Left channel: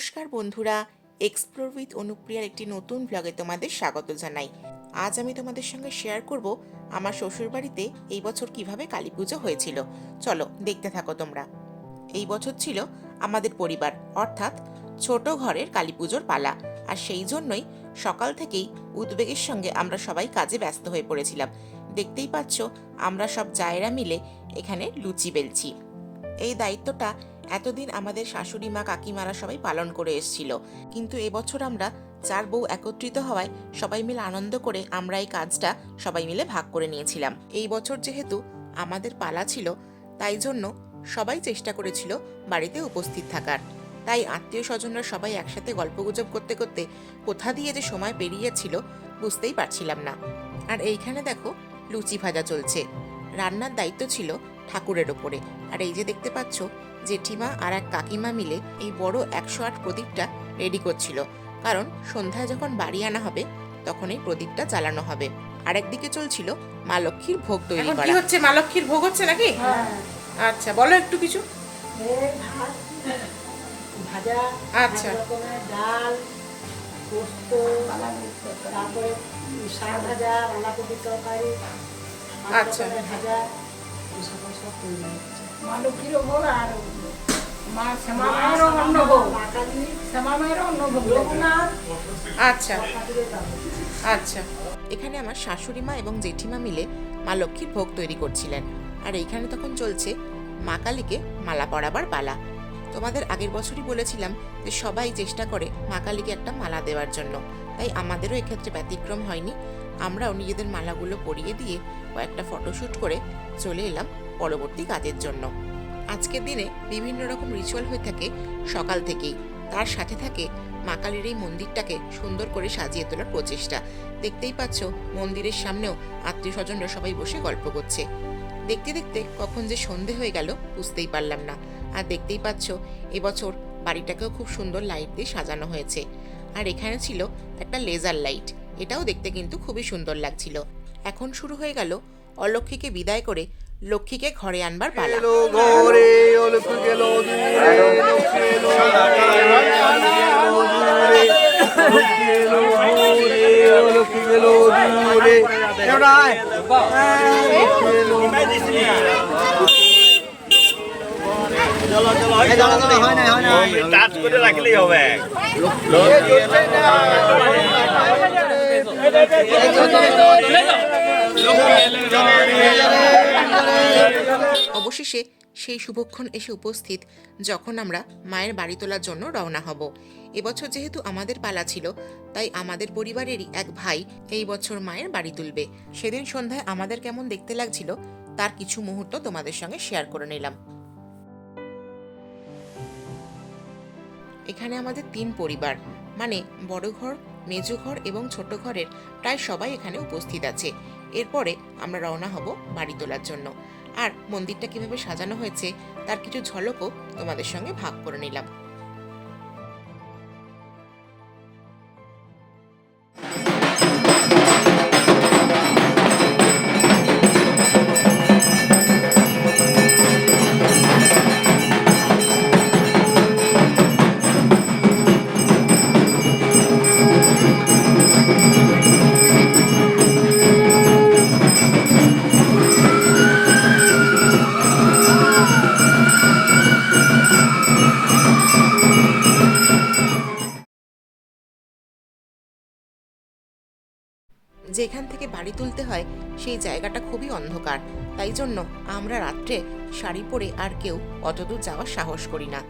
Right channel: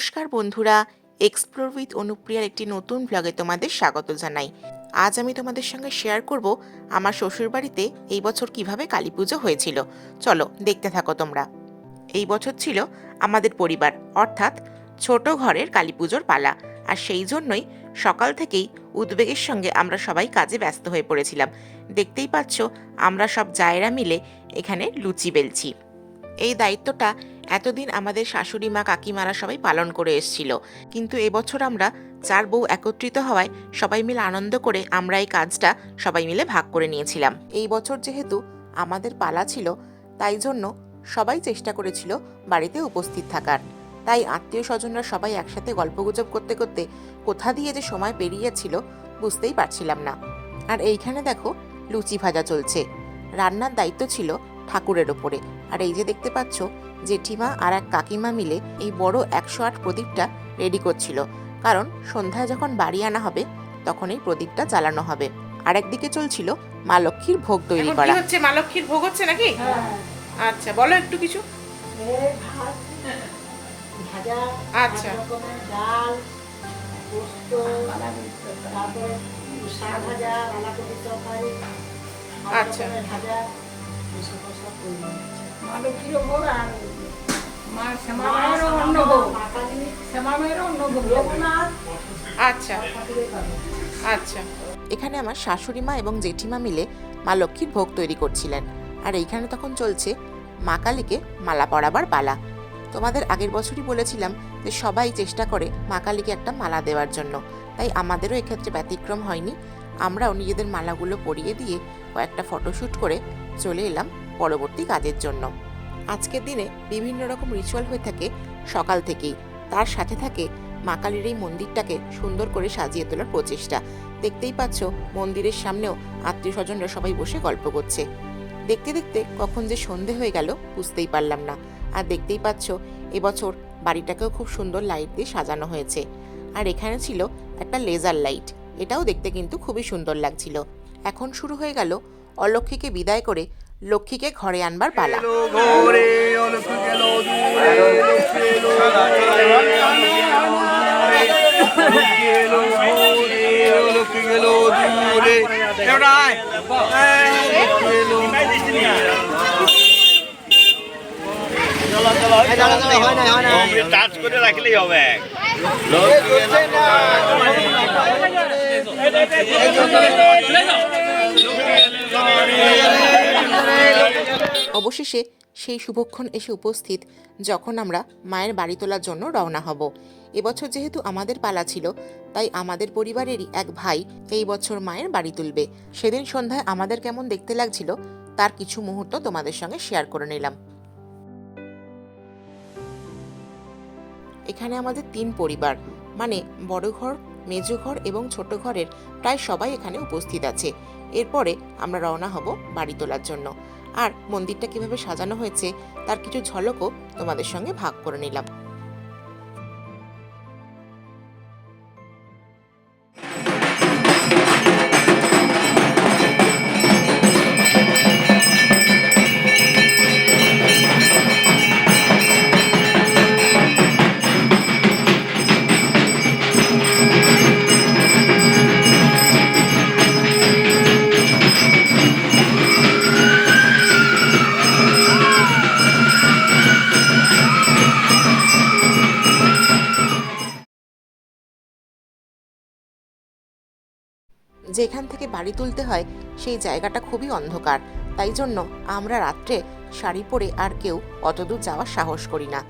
নমস্কার বন্ধুরা explore with অনুপ্রিয়ার একটি নতুন ব্লগে তোমাদের স্বাগত জানাই। আজ আমি তোমাদের সঙ্গে শেয়ার করব আমার শ্বশুরবাড়িতে এই বছর কীভাবে কালী পুজো হয়েছিল। চলো দেখতে থাকো তোমরা। এই বছর ছিল আমাদের পরিবার, অর্থাৎ ছোট ঘরের কালী পুজোর পালা। আর সেই জন্যই সকাল থেকেই উদ্বেগের সঙ্গে আমরা সবাই কাজে ব্যস্ত হয়ে পড়েছিলাম। দেখতেই পাচ্ছ, আমরা সব জায়রা মিলে এখানে লুচি বেলছি। এই দায়িত্বটা এতদিন আমাদের শাশুড়ি মা, কাকিমারা সবাই পালন করে এসেছিল। কিন্তু এবছর আমরা চার বউ একত্রিত হওয়ায় সবাই মিলে আনন্দ করে আমরা এই কাজটা সবাই মিলে ভাগ করে নিয়েছিলাম। এই বছর যেহেতু আমাদের পালা ছিল, তাই জন্য সবাই চেষ্টা করেছিল বাড়িতে উপস্থিত থাকার। তাই আত্মীয় স্বজনরা সবাই একসাথে গল্পগুজব করতে করতে কোথা দিয়ে যে সময় পেরিয়েছিল বুঝতেই পারছিলাম না। আর এইখানে দেখো লুচি ভাজা চলছে। রান্নার দায়িত্ব ছিল ঠাকুরের ওপরে। আর এই যে দেখতে পাচ্ছ জেঠিমা আর এক কাকিমা মিলে এই বড় একশো আট প্রদীপটা রেডি করছিল। কারণ সন্ধ্যায় যখন বাড়ি আনা হবে তখন এই প্রদীপটা জ্বালানো হবে। আর একদিকে চলছিল মা লক্ষ্মীর ভোগ তৈরি এখন কি হচ্ছে? মা লক্ষ্মীর ভোগ হচ্ছে নাকি? আচ্ছা বলো একটু কিছু। ভাজা আচ্ছা। ডাল পোস্ত তারপরে শাক ভাজা বাঁধাকপির তরকারি আচ্ছা। ভাজা এই সব তৈরি। হচ্ছে আচ্ছা। আচ্ছা। এখানে আমার শাশুড়ি মা এবং জেঠিমা মিলে মা লক্ষ্মীর ভোগ তৈরি করছিলেন। আর এইখানে তখন চলছে মা কালীকে মালা পরাবার পালা। তোমাদের আগের বছরই বলেছিলাম যে সবাই চেষ্টা করে মা কালীকে একটা মালা দেওয়ার জন্য। তাই আমাদেরও এক্ষেত্রে ব্যতিক্রম হয়নি। আমরাও নিজেদের মালাগুলো পরিয়ে দিয়ে কয়েকটা ফটোশ্যুট করে চলে এলাম পরবর্তী কাজের জন্য। আজকের দিনে বিভিন্ন রকম রিচুয়াল হয়ে থাকে সকাল থেকেই। তার সাথে থাকে মা কালীর এই মন্দিরটাকে সুন্দর করে সাজিয়ে তোলার প্রচেষ্টা। দেখতেই পাচ্ছ, মন্দিরের সামনেও আত্মীয় স্বজনরা সবাই বসে গল্প করছে। দেখতে দেখতে কখন যে সন্ধে হয়ে গেল বুঝতেই পারলাম না। আর দেখতেই পাচ্ছ, এবছর বাড়িটাকেও খুব সুন্দর লাইট দিয়ে সাজানো হয়েছে। আর এখানে ছিল একটা লেজার লাইট এটাও দেখতে কিন্তু খুবই সুন্দর লাগছিল। এখন শুরু হয়ে গেল অলক্ষীকে বিদায় করে লক্ষ্মীকে ঘরে আনবার পালা। টাচ করে রাখলেই হবে অবশেষে সেই শুভক্ষণ এসে উপস্থিত যখন আমরা মায়ের বাড়ি তোলার জন্য রওনা হব। এবছর যেহেতু আমাদের পালা ছিল, তাই আমাদের পরিবারেরই এক ভাই এই বছর মায়ের বাড়ি তুলবে। সেদিন সন্ধ্যায় আমাদের কেমন দেখতে লাগছিল, তার কিছু মুহূর্ত তোমাদের সঙ্গে শেয়ার করে নিলাম। এখানে আমাদের তিন পরিবার মানে বড় ঘর, মেজো ঘর এবং ছোট ঘরের প্রায় সবাই এখানে উপস্থিত আছে। এরপরে আমরা রওনা হব বাড়ি তোলার জন্য। আর মন্দিরটা কীভাবে সাজানো হয়েছে, তার কিছু ঝলকও তোমাদের সঙ্গে ভাগ করে নিলাম। যেখান থেকে বাড়ি তুলতে হয়, সেই জায়গাটা খুবই অন্ধকার। তাই জন্য আমরা রাত্রে শাড়ি পরে আর কেউ অতদূর যাওয়ার সাহস করি না।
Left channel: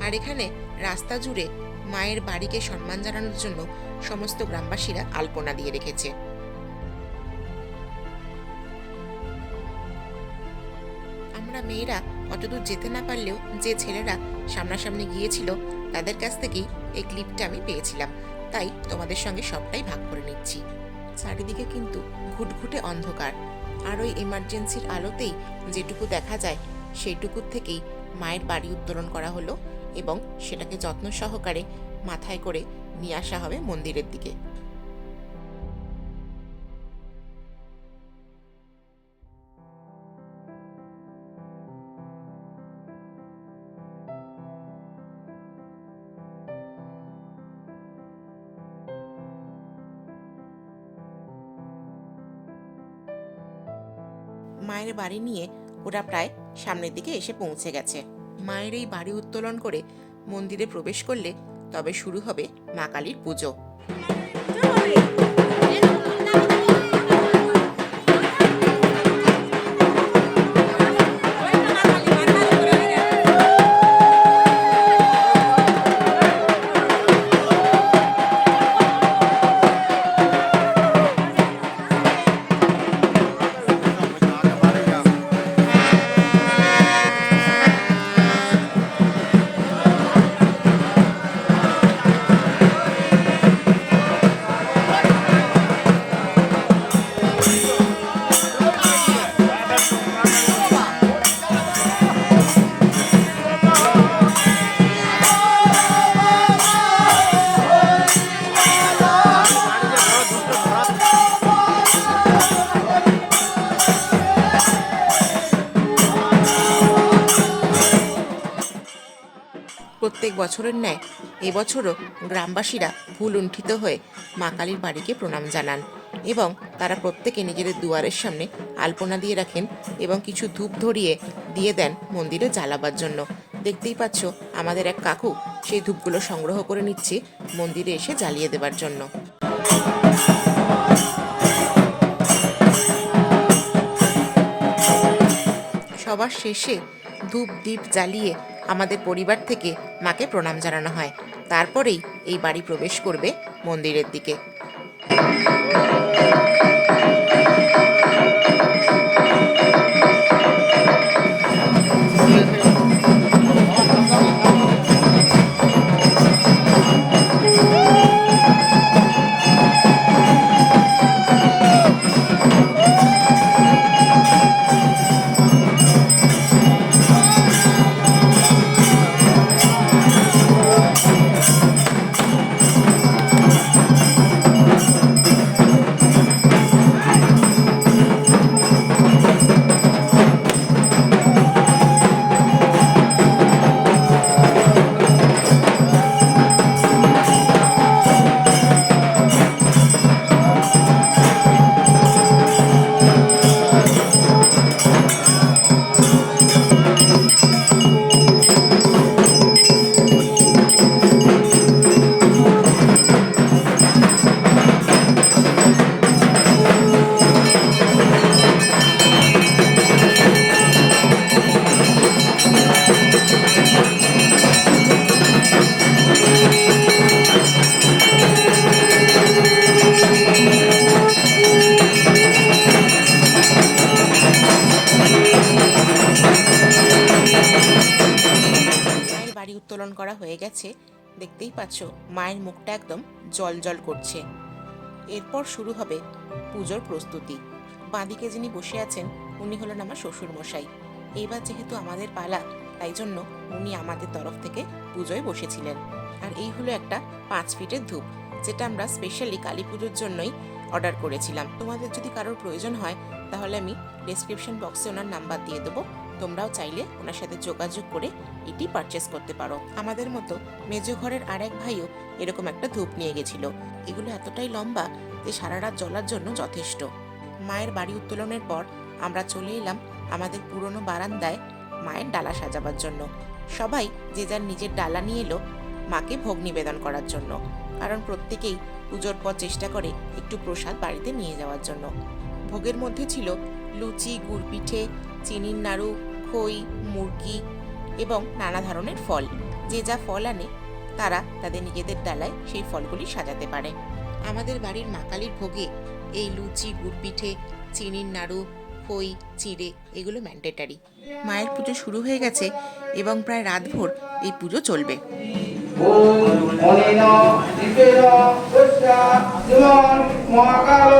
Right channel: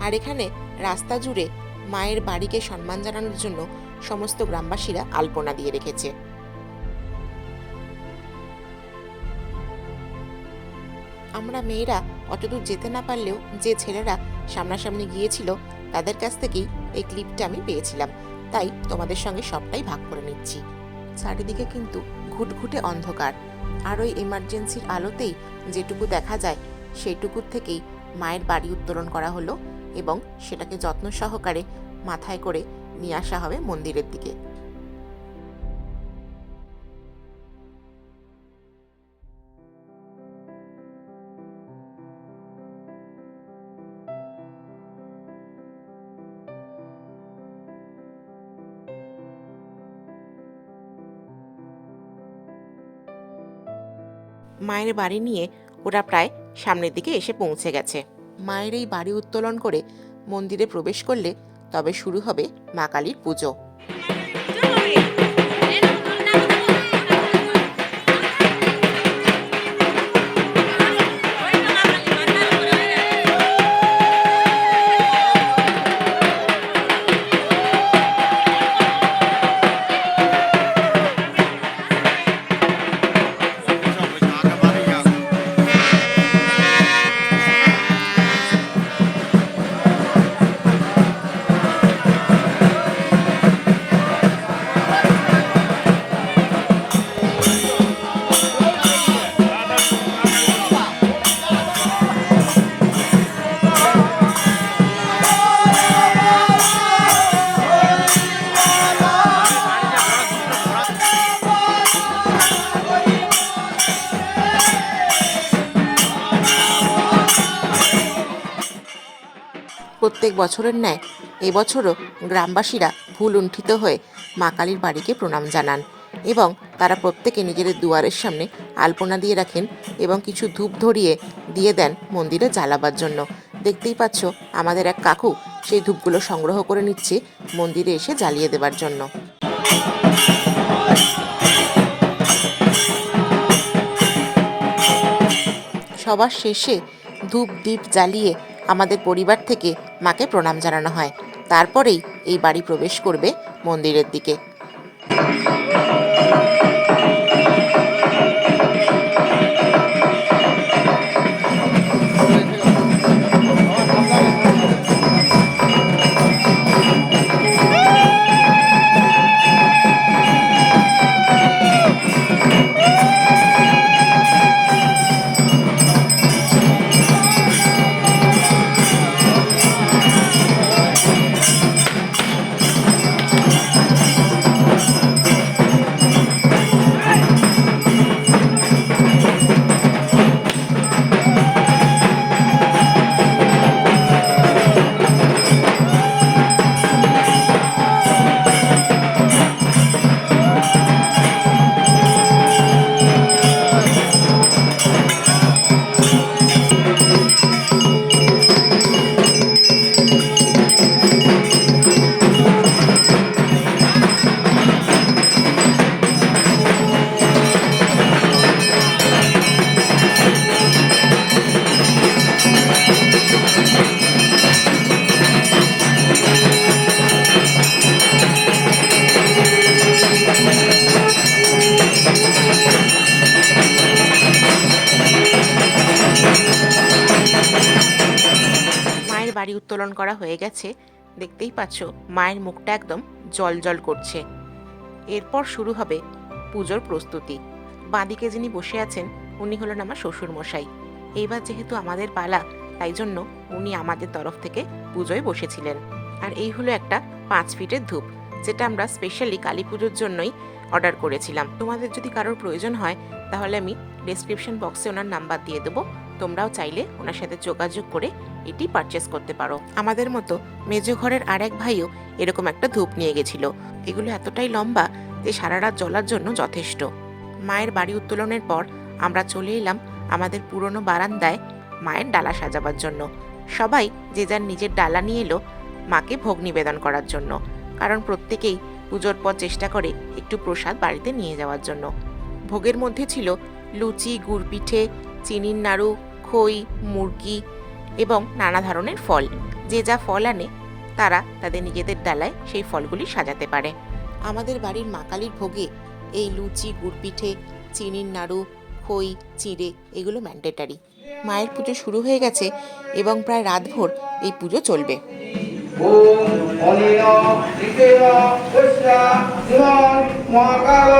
আর এখানে রাস্তা জুড়ে মায়ের বাড়িকে সম্মান জানানোর জন্য সমস্ত গ্রামবাসীরা আলপনা দিয়ে রেখেছে। আমরা মেয়েরা অতদূর যেতে না পারলেও যে ছেলেরা সামনাসামনি গিয়েছিল, তাদের কাছ থেকেই এই ক্লিপটা আমি পেয়েছিলাম। তাই তোমাদের সঙ্গে সবটাই ভাগ করে নিচ্ছি। চারিদিকে কিন্তু ঘুটঘুটে অন্ধকার। আর ওই এমার্জেন্সির আলোতেই যেটুকু দেখা যায়, সেইটুকুর থেকেই মায়ের বাড়ি উত্তোলন করা হলো এবং সেটাকে যত্ন সহকারে মাথায় করে নিয়ে আসা হবে মন্দিরের দিকে। মায়ের বাড়ি নিয়ে ওরা প্রায় সামনের দিকে এসে পৌঁছে গেছে। মায়ের এই বাড়ি উত্তোলন করে মন্দিরে প্রবেশ করলে তবে শুরু হবে মা কালীর পুজো। বছরের ন্যায় এবছরও গ্রামবাসীরা ভুল উণ্ঠিত হয়ে মা কালীর বাড়িকে প্রণাম জানান এবং তারা প্রত্যেকে নিজেদের দুয়ারের সামনে আলপনা দিয়ে রাখেন এবং কিছু ধূপ ধরিয়ে দিয়ে দেন মন্দিরে জ্বালাবার জন্য। দেখতেই পাচ্ছ, আমাদের এক কাকু সেই ধূপগুলো সংগ্রহ করে নিচ্ছে মন্দিরে এসে জ্বালিয়ে দেবার জন্য। সবার শেষে ধূপ দ্বীপ জ্বালিয়ে আমাদের পরিবার থেকে মাকে প্রণাম জানানো হয়। তারপরেই এই বাড়ি প্রবেশ করবে মন্দিরের দিকে। পাচ্ছ, মায়ের মুখটা একদম জল জল করছে। এরপর শুরু হবে পুজোর প্রস্তুতি। বাঁদিকে যিনি বসে আছেন, উনি হলেন আমার শ্বশুর মশাই এইবার যেহেতু আমাদের পালা, তাই জন্য উনি আমাদের তরফ থেকে পুজোয় বসেছিলেন। আর এই হলো একটা পাঁচ ফিটের ধূপ, যেটা আমরা স্পেশালি কালী পুজোর জন্যই অর্ডার করেছিলাম। তোমাদের যদি কারোর প্রয়োজন হয়, তাহলে আমি ডেসক্রিপশন বক্সে ওনার নাম্বার দিয়ে দেবো। তোমরাও চাইলে ওনার সাথে যোগাযোগ করে এটি পারচেস করতে পারো। আমাদের মতো মেজো ঘরের আর এক ভাইও এরকম একটা ধূপ নিয়ে গেছিল। এগুলো এতটাই লম্বা যে সারা রাত জ্বলার জন্য যথেষ্ট। মায়ের বাড়ি উত্তোলনের পর আমরা চলে এলাম আমাদের পুরনো বারান্দায় মায়ের ডালা সাজাবার জন্য। সবাই যে যার নিজের ডালা নিয়ে এলো মাকে ভোগ নিবেদন করার জন্য। কারণ প্রত্যেকেই পুজোর পর চেষ্টা করে একটু প্রসাদ বাড়িতে নিয়ে যাওয়ার জন্য। ভোগের মধ্যে ছিল লুচি, গুড় পিঠে, চিনির নাড়ু, খই, মুরগি এবং নানা ধরনের ফল। যে যা ফল আনে, তারা তাদের নিজেদের ডালায় সেই ফলগুলি সাজাতে পারে। আমাদের বাড়ির মা কালীর ভোগে এই লুচি গুড় পিঠে চিনির নাড়ু, খই, চিড়ে এগুলো ম্যান্ডেটারি মায়ের পুজো শুরু হয়ে গেছে এবং প্রায় রাতভর এই পুজো চলবে। মহাকাল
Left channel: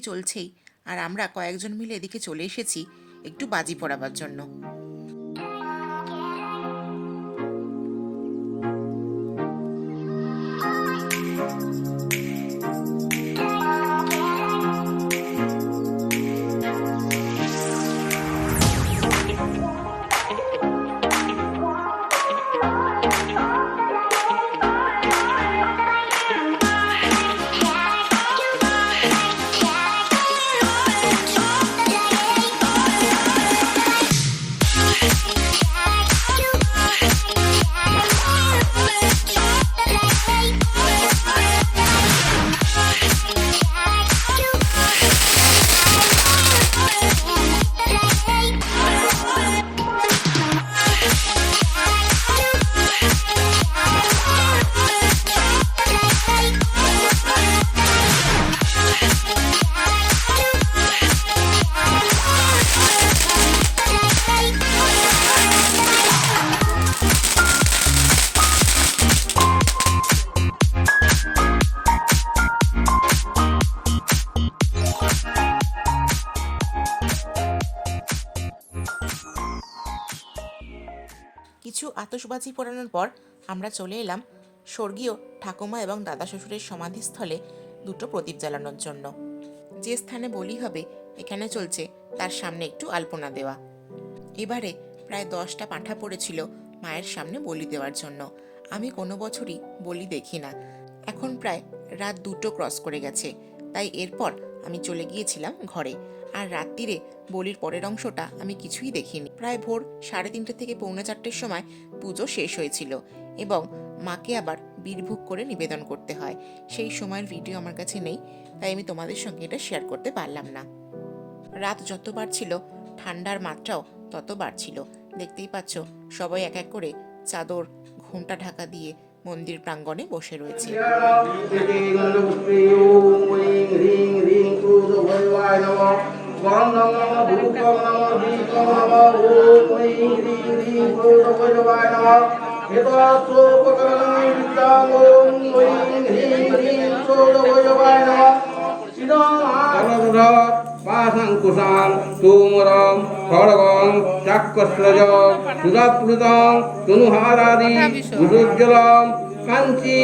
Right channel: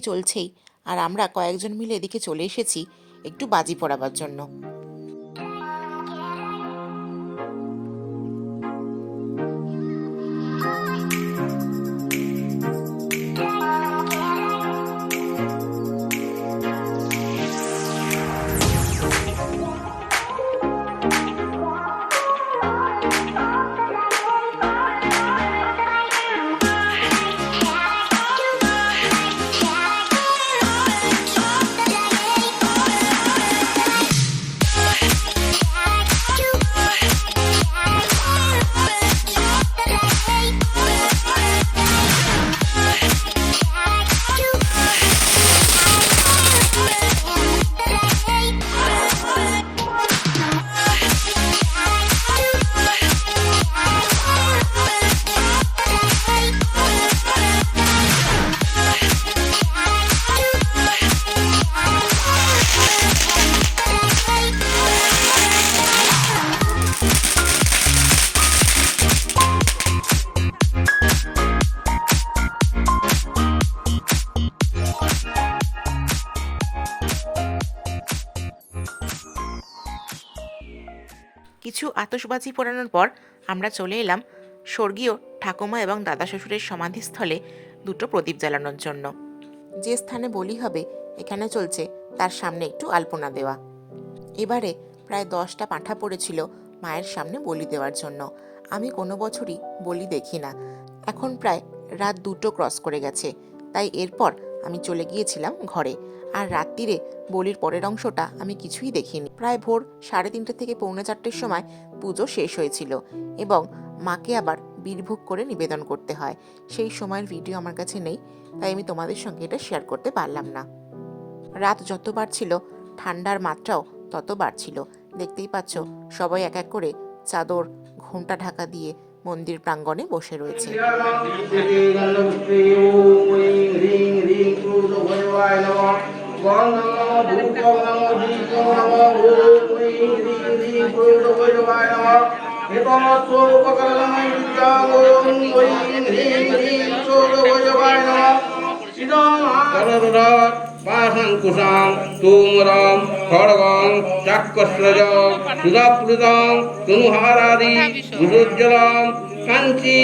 চলছেই। আর আমরা কয়েকজন মিলে এদিকে চলে এসেছি একটু বাজি পড়াবার জন্য। কিছু আতশবাজি পোড়ানোর পর আমরা চলে এলাম স্বর্গীয় ঠাকুমা এবং দাদা শ্বশুরের সমাধিস্থলে দুটো প্রদীপ জ্বালানোর জন্য। যে স্থানে বলি হবে, এখানে চলছে তার সামনে একটু আলপনা দেওয়া। এবারে প্রায় দশটা পাঁঠা পড়েছিল মায়ের সামনে বলি দেওয়ার জন্য। আমি কোনো বছরই বলি দেখি না। এখন প্রায় রাত দুটো ক্রস করে গেছে। তাই এরপর আমি চলে গিয়েছিলাম ঘরে। আর রাত্রিরে বলির পরের অংশটা আমি কিছুই দেখিনি। প্রায় ভোর সাড়ে তিনটে থেকে পৌনে চারটের সময় পুজো শেষ হয়েছিল এবং মাকে আবার বীরভোগ করে নিবেদন করতে হয় সেই সময়ের ভিডিও আমার কাছে নেই তাই আমি তোমাদের সঙ্গে এটা শেয়ার করতে পারলাম না রাত যত বাড়ছিল ঠান্ডার মাত্রাও তত বাড়ছিল দেখতেই পাচ্ছ সবাই এক এক করে চাদর ঘোমটা ঢাকা দিয়ে মন্দির প্রাঙ্গণে বসে রয়েছে स्वाम नमो धूपम नमो दीपम नमो ओम ऐं ह्रीं ह्रीं गुरुभैरवाय नमः एतात्वोपकरणानि विद्यालोम ऐं ह्रीं ह्रीं सोगभैरवाय नमः सिदां हरदा वासङ्कुशां तूमरां খড়গং চাক্ষস্রজ সুধাপ্লুতং তনুহারাদি বিরুজ্জ্বলং কাঞ্চি,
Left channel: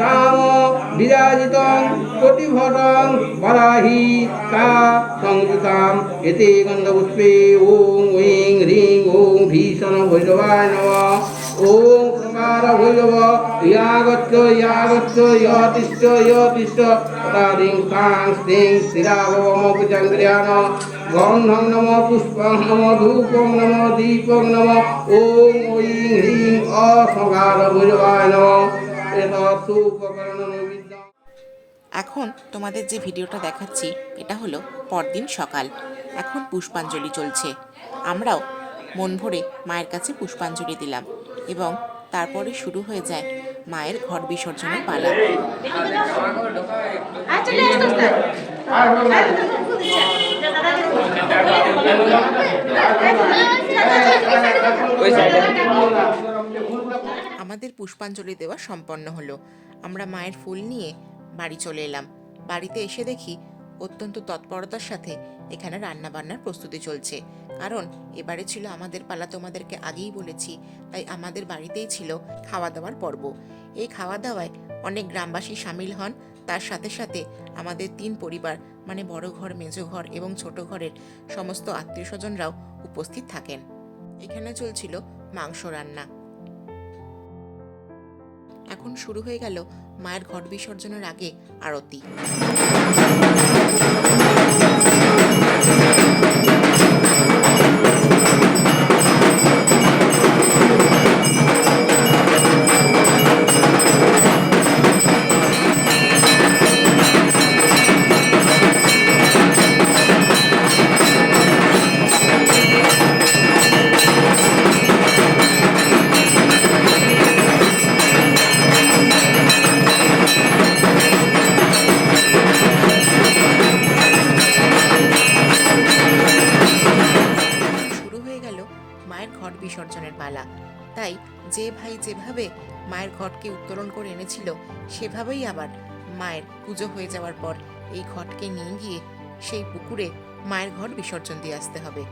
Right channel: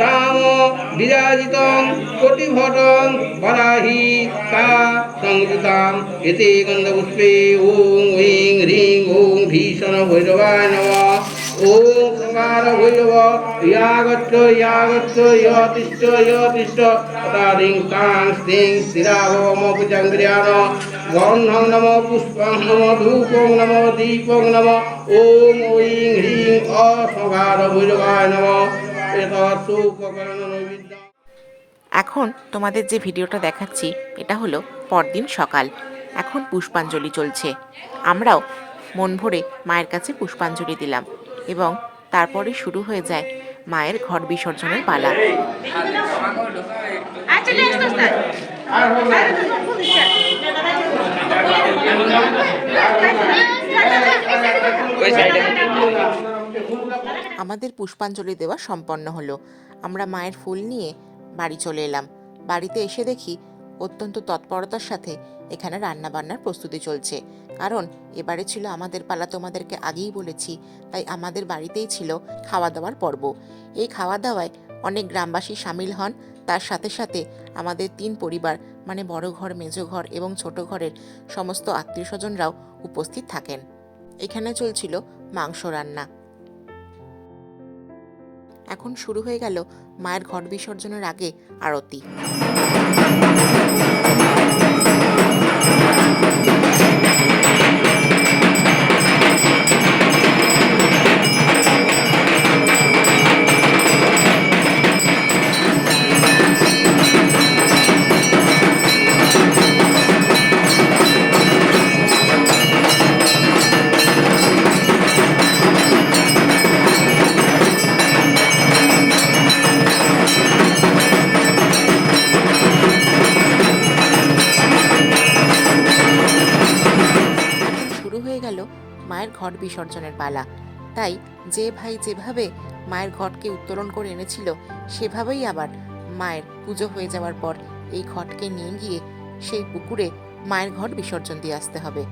দাম, বিরাজিতং কোটিভটং বরাহি কা সংযুতাম, এতে গন্ধপুষ্পে, ওং, ঐং হ্রিং ওং, ভীষণ ভৈরবায় নমঃ, ওং প্রকার ভৈরব, ইয়াগচ্ছ ইয়াগচ্ছ, ইয়তিষ্ঠ ইয়তিষ্ঠ তারিং কাং স্তিং স্থিরা ভবম পুজঙ্গ্রিয়ান গন্ধং নম পুষ্পং নম ধূপং নম দীপং নম ওং ঐং হ্রিং ভৈরবায় নম এখন তোমাদের যে ভিডিওটা দেখাচ্ছি এটা হলো পরদিন সকাল। এখন পুষ্পাঞ্জলি চলছে। আমরাও মন ভরে মায়ের কাছে পুষ্পাঞ্জলি দিলাম এবং তারপরে শুরু হয়ে যায় মায়ের ঘর বিসর্জনের পালা। আমাদের পুষ্পাঞ্জলি দেওয়া সম্পন্ন হলো। আমরা মায়ের ফুল নিয়ে বাড়ি চলে এলাম। বাড়িতে এসে দেখি অত্যন্ত তৎপরতার সাথে এখানে রান্না বান্নার প্রস্তুতি চলছে। কারণ এবারে ছিল আমাদের পালা, তোমাদেরকে আগেই বলেছি, তাই আমাদের বাড়িতেই ছিল খাওয়া দাওয়ার পর্ব। এই খাওয়া দাওয়ায় অনেক গ্রামবাসী সামিল হন। তার সাথে সাথে আমাদের তিন পরিবার মানে বড় ঘর, মেজো ঘর এবং ছোট ঘরের সমস্ত আত্মীয় স্বজনরাও উপস্থিত থাকেন। এখানে চলছিল মাংস রান্না। এখন শুরু হয়ে গেল মায়ের ঘট বিসর্জনের আগে আরতি। যে ভাই যেভাবে মায়ের ঘটকে উত্তোলন করে এনেছিল, সেভাবেই আবার মায়ের পুজো হয়ে যাওয়ার পর এই ঘটকে নিয়ে গিয়ে সেই পুকুরে মায়ের ঘট বিসর্জন দিয়ে আসতে হবে।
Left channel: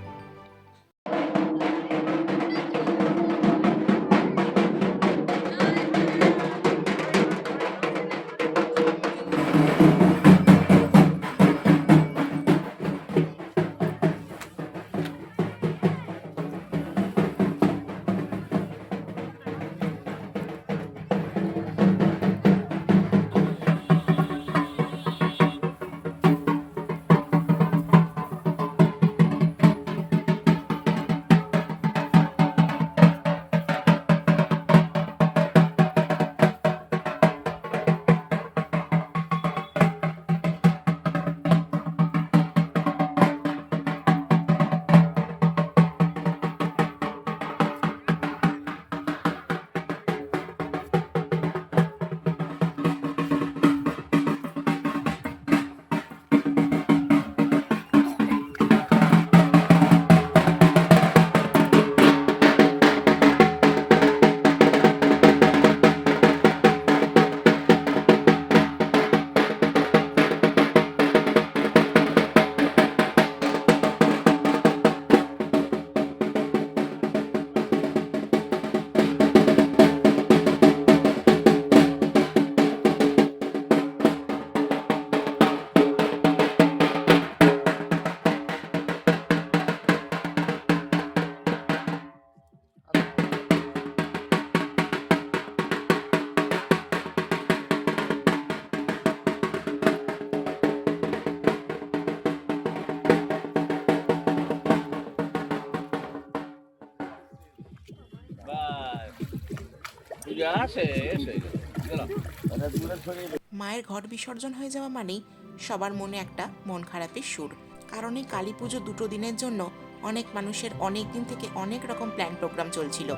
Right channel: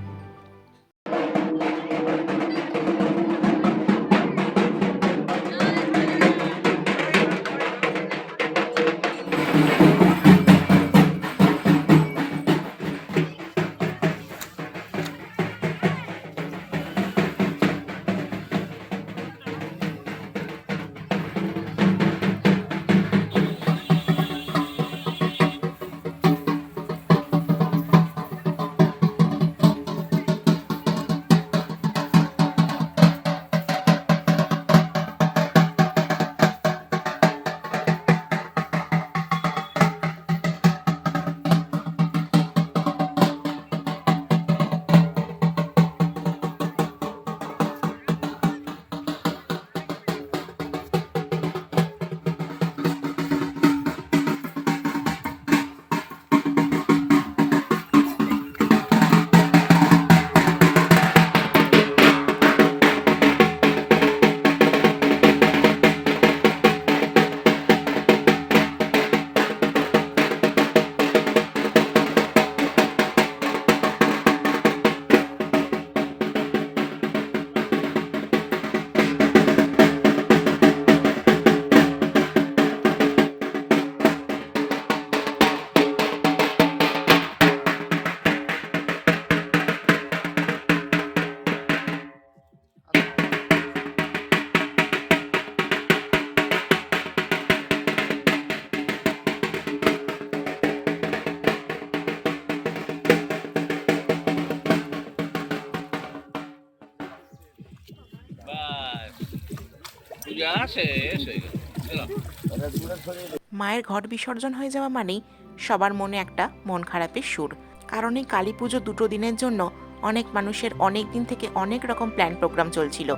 মায়ের ঘট বিসর্জন হয়ে যাওয়া মানেই সবার মনে একটা মন খারাপের সুর। কারণ এই কালী পুজো দুটো দিনের জন্য অনেক মানুষের অনেক দিন থেকে অনেক রকম প্ল্যান প্রোগ্রাম চলছিল।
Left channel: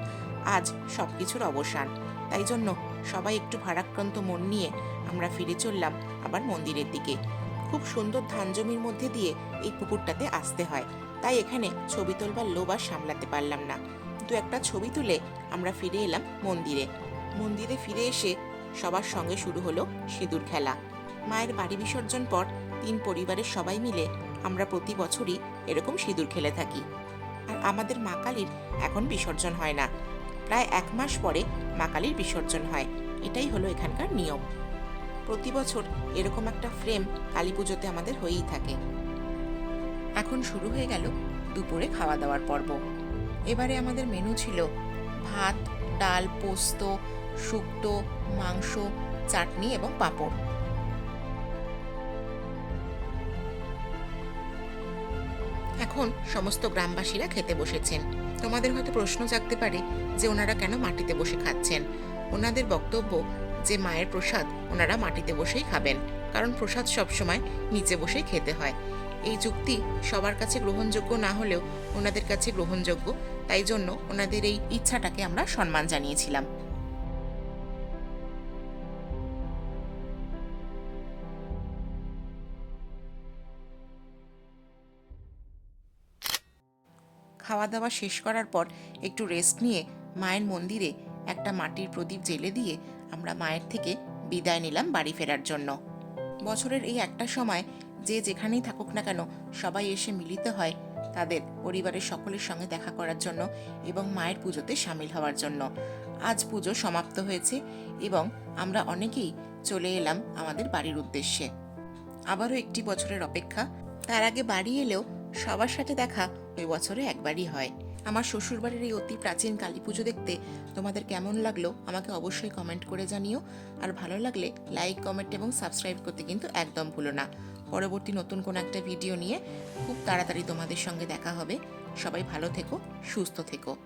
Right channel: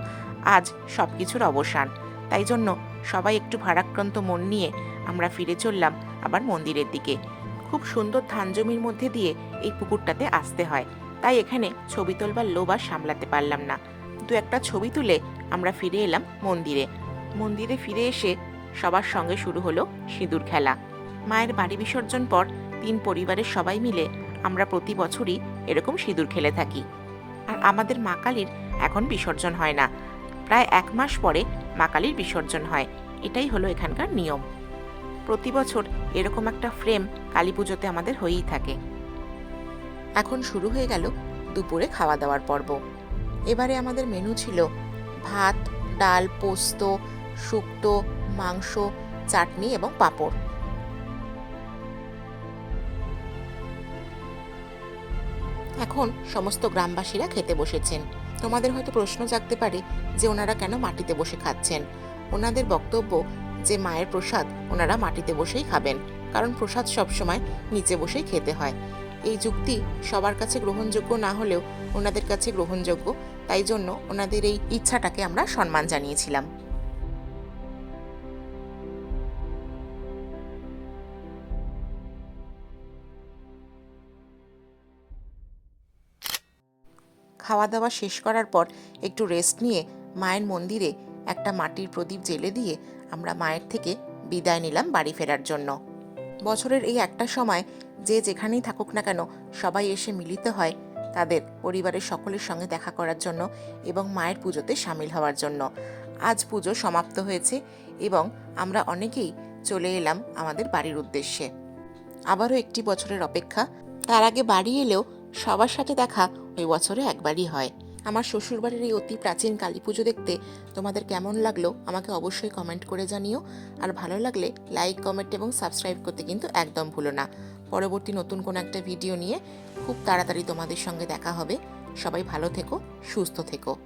আজ সব কিছুর অবসান। তাই জন্য সবাই একটু ভারাক্রান্ত মন নিয়ে আমরা ফিরে চললাম আবার মন্দিরের দিকে। খুব সুন্দর ধান জমির মধ্যে দিয়ে এই পুকুরটাতে আসতে হয়। তাই এখানে ছবি তোলবার লোভ আর সামলাতে পারলাম না। দু একটা ছবি তুলে আমরা ফিরে এলাম মন্দিরে। মন্দিরে ফিরে এসে সবার সঙ্গে শুরু হলো সিঁদুর খেলা। মায়ের বাড়ি বিসর্জন পর তিন পরিবারের সবাই মিলে আমরা প্রতি বছরই এরকম সিঁদুর খেলে থাকি। আর আমাদের মা কালীর এখন বিসর্জন হয় না। প্রায় এক মাস পরে মা কালীর বিসর্জন হয়। এটাই হলো এখানকার নিয়ম। প্রতি বছর এরকম একটা ফ্রেম কালী পুজোতে আমাদের হয়েই থাকে। এখন শুরু হয়ে গেল দুপুরে খাওয়া দাওয়ার পর্ব। এবারে আমাদের মেনু ছিল ভাত, ডাল, পোস্ত, শুক্তো মাংস, চাটনি এবং পাঁপড়। এখন সমস্ত গ্রামবাসীরা খেতে বসেছেন। তোমাদের হয়তো প্রশ্ন জাগতে পারে যে ওনারা কেন মাটিতে বসে খাচ্ছেন? ওনাদের বক্তব্য যে মায়ের প্রসাদ ওনারা মাটিতে বসেই খাবেন, কারণ প্রসাদ সবসময় নিচে বসেই খেতে হয়। এই যুক্তি সবার কাছে গ্রহণযোগ্য না হলেও ওনাদের কাছে গ্রহণযোগ্য, তাই জন্য ওনাদের এই ইচ্ছাটাকে আমরা সম্মান জানিয়েছিলাম। খাওয়া দাওয়া শেষ করার পর একটু রেস্ট নিয়ে মায়ের মন্দিরে একটা মাটির প্রদীপ জেলে দিয়ে আমরা মায়ের থেকে বিদায় নিলাম বাড়ি ফেরার জন্য। বছরের এই একটা সময় যে যেখানেই থাকুক না কেন সবাই এসে মিলিত হয় তাদের পরিবারের সকলের সঙ্গে দেখা করার জন্য এবং মায়ের পুজোতে সামিল হওয়ার জন্য। আজ পুজো সমাপ্ত হয়েছে এবং আমরা অনেকেই চলে এলাম আমাদের বাড়ির উদ্দেশ্যে। আবারও একটি বছরের অপেক্ষা। তার আগে বাড়ি এলেও সবার সাথে দেখা ওই বছরে একবারই হয়। আমার শ্বশুরবাড়ির এই অতি প্রাচীন কালী পুজো দেখতে তোমাদের কেমন লাগল আমাকে অবশ্যই কমেন্ট করে জানিও। আর ভালো লাগলে লাইক কমেন্ট এবং সাবস্ক্রাইব করতে কিন্তু একদম ভুলো না। পরবর্তী নতুন কোনো একটা ভিডিও নিয়ে খুব তাড়াতাড়ি তোমাদের সঙ্গে দেখা হবে। সবাই ভালো থেকো, সুস্থ থেকো।